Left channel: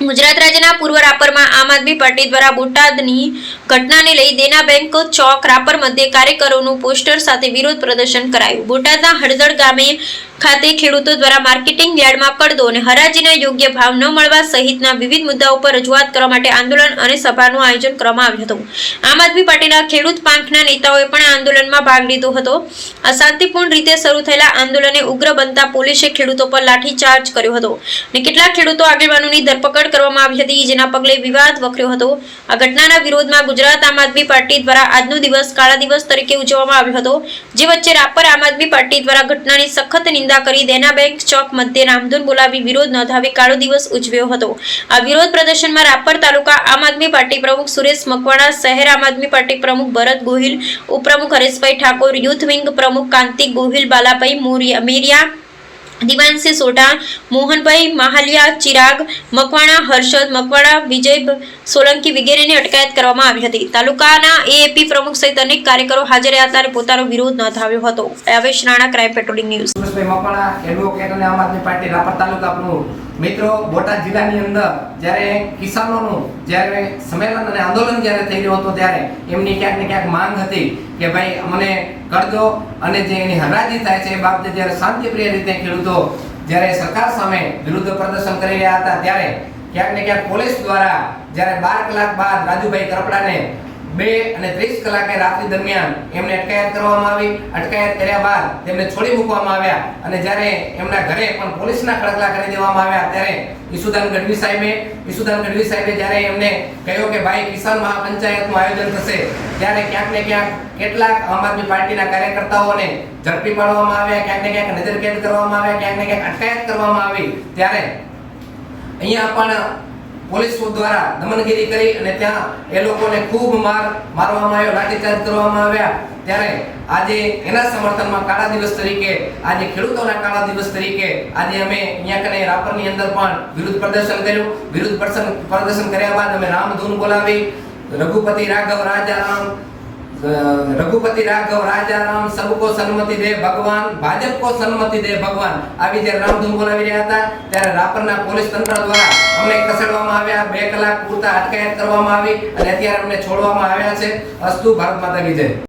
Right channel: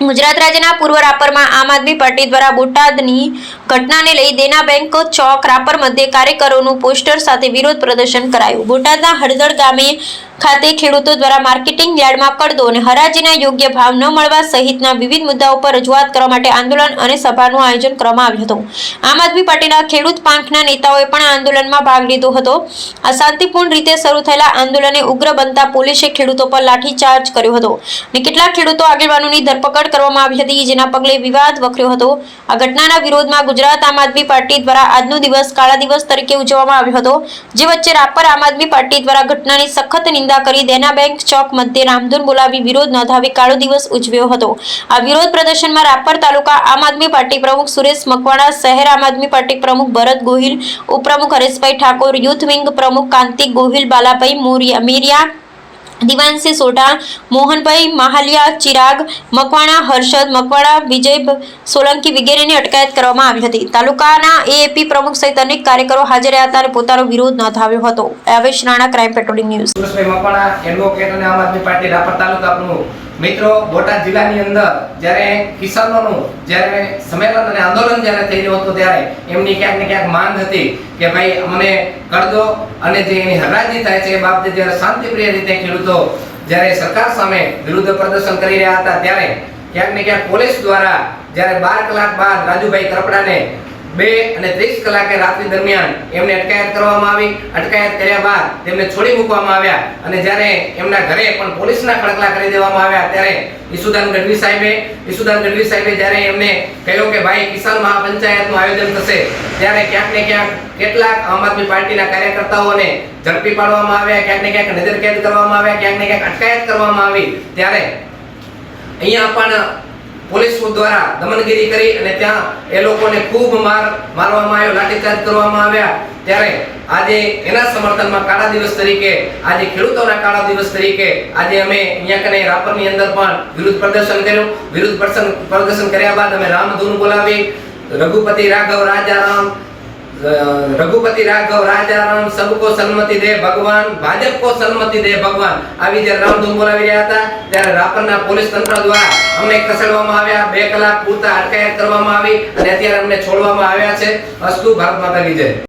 ગુજરાત રાજ્યના પૂર્વ રાપરમાં આમ આદમી પાર્ટી દ્વારા બોટાદની ઘટનાને લઈ દેના બેંક ચોક રાપર મધ્યે કાર્યકરોનું પોસ્ટર સાથે વિરોધ પ્રદર્શન કરાયું. બોટાદના હળદળ ગામે ખાતે ખેડૂતો દ્વારા માર્કેટિંગ યાર્ડમાં પડદો અને હરાજીના યોગ્ય ભાવ ન મળવા સહિતના વિવિધ મુદ્દાઓ પર રજૂઆત કરવા માટે આંદોલન અને સભાનું આયોજન કરવામાં આવ્યું હતું. આમ આદમી પાર્ટીના ખેડૂત પાંખના નેતાઓએ પણ આંદોલનમાં ભાગ લીધો હતો. આ શાંતિપૂર્ણ રીતે શરૂ થયેલા આંદોલને ઉગ્ર બનતા પોલીસે ખેડૂતો પર લાઠીચાર્જ કર્યો હતો અને કેટલાક ખેડૂતો આગેવાનોની ધરપકડ કરવામાં આવી હતી, જેના પગલે વિવાદ વકર્યો હતો. આ ઘટનાના વિરોધમાં ગુજરાત આમ આદમી પાર્ટી દ્વારા આજનો દિવસ કાળા દિવસ તરીકે ઉજવવામાં આવ્યો હતો, જે વચ્ચે રાપર આમ આદમી પાર્ટી દ્વારા ઘટનાની સખત નિંદા કરી દેના બેંક ચોક મધ્યે રામધૂન બોલાવી વિરોધ નોંધાવી કાળો દિવસ ઉજવ્યો હતો. આ વિરોધ પ્રદર્શનમાં રાપર તાલુકા આમ આદમી પાર્ટી પ્રમુખ સુરેશ મકવાણા, શહેર આમ આદમી પાર્ટી પ્રમુખ ભરત ગોહિલ, ઉપપ્રમુખ હરેશભાઈ ઠાકોર, યુથ વિંગ પ્રમુખ કાંતિ ગોહિલ, બાલાભાઈ મોરિયા મેરિયા દિવાનસિંહ સોઢા, મોહનભાઈ માહલિયા, ચિરાગ, મકવાણા, હર્ષદ મકવાણા, વિજય સોલંકી વગેરેની અટકાયત કરવામાં આવી હતી. તાલુકાના એએપી પ્રમુખ સહિત અનેક કાર્યકરો હાજર રહ્યા હતા અને પોતાનો વિરોધ નોંધાવ્યો હતો. Avesh Rana, crime patrolling news. Makwana advocate અને આમ આદમી પાર્ટી રાપર તાલુકા પ્રમુખ મિત્રો, બોટાદ જિલ્લાની અંદર જ્યારે કિસાનોનું જ્યારે સંમેલન અને આંદોલન જ્યારે થઈ રહ્યું હતું ત્યારે એમની ક્યાંક ને ક્યાંક માંગ હતી કે ભાઈ, અમને કરજો અને જે એની હરાજી થાય છે એ બાબતે જ્યારે શાંતિપ્રિય રીતે ખેડૂતો જ્યારે સરકાર સામે વિરુદ્ધ પ્રદર્શન કરી રહ્યા હતા ત્યારે ક્યાંક ને ક્યાંક પોલીસ દ્વારા જ્યારે બાર કલાક બાદ રાજુભાઈ કરપડાને બે અને ત્રીસ કલાકે રાત્રિ દરમિયાન એમને અટકાયત કરવામાં આવી. અટકાયત કર્યા બાદ તેમને છોડી મૂકવામાં આવ્યા. અને જ્યારે એમના ઘરે પણ પોલીસના ખડકલા કરી દેવામાં આવ્યા ત્યારે ઈસુદાન ગઢવી સાહેબે, ઈસુદાન ગઢવી સાહેબે જ્યારે એમને કહ્યું કે ભાઈ કિસાન મહાપંચાયતનું આયોજન થશે, ત્યારે ક્યાંક ને ક્યાંક કેટલાક આમ આદમી પાર્ટીના કાર્યકર્તાઓને ઝડપી પાડવામાં આવ્યા, ક્યાંક ને ક્યાંક નજરકેદ કરવામાં આવ્યા, ક્યાંક ને ક્યાંક અટકાયત કરવામાં આવી. ત્યારે અહીંયા પણ પોલીસ દ્વારા દમનગીરી કરી અને ત્યાં એ લોકોને ખૂબ માર મારવામાં આવ્યો, લાઠીચાર્જ કરવામાં આવ્યા. ત્યારે આજે એના સમર્થનમાં કાળા દિવસ તરીકે, આજે ખેડૂતોના કાળા દિવસ તરીકે આજે અમે અહીંયા કને રાપરની અંદર પણ વિરુદ્ધ પ્રદર્શન કર્યું. વિરુદ્ધ પ્રદર્શન કર્યા બાદ અમે રામધૂન બોલાવી. રઘુપતિ રાઘવ રાજા રામ રઘુપતિ રાઘવ, રાજા રામ, સબકો સન્મતિ દે ભગવાન ભાજપ કો સન્મતિ દે ભગવાન. આવી જ્યારે રામધૂન બોલાવી રહ્યા હતા, ત્યારે રાપરના પોલીસ તંત્ર દ્વારા અમને ખસેડવામાં આવ્યા. બે કલાક પૂરતા અટકાયત કરવામાં આવી અને અત્યારે અમને છોડવામાં આવ્યા છે. અસ્તુ ભારત માતા કી જય.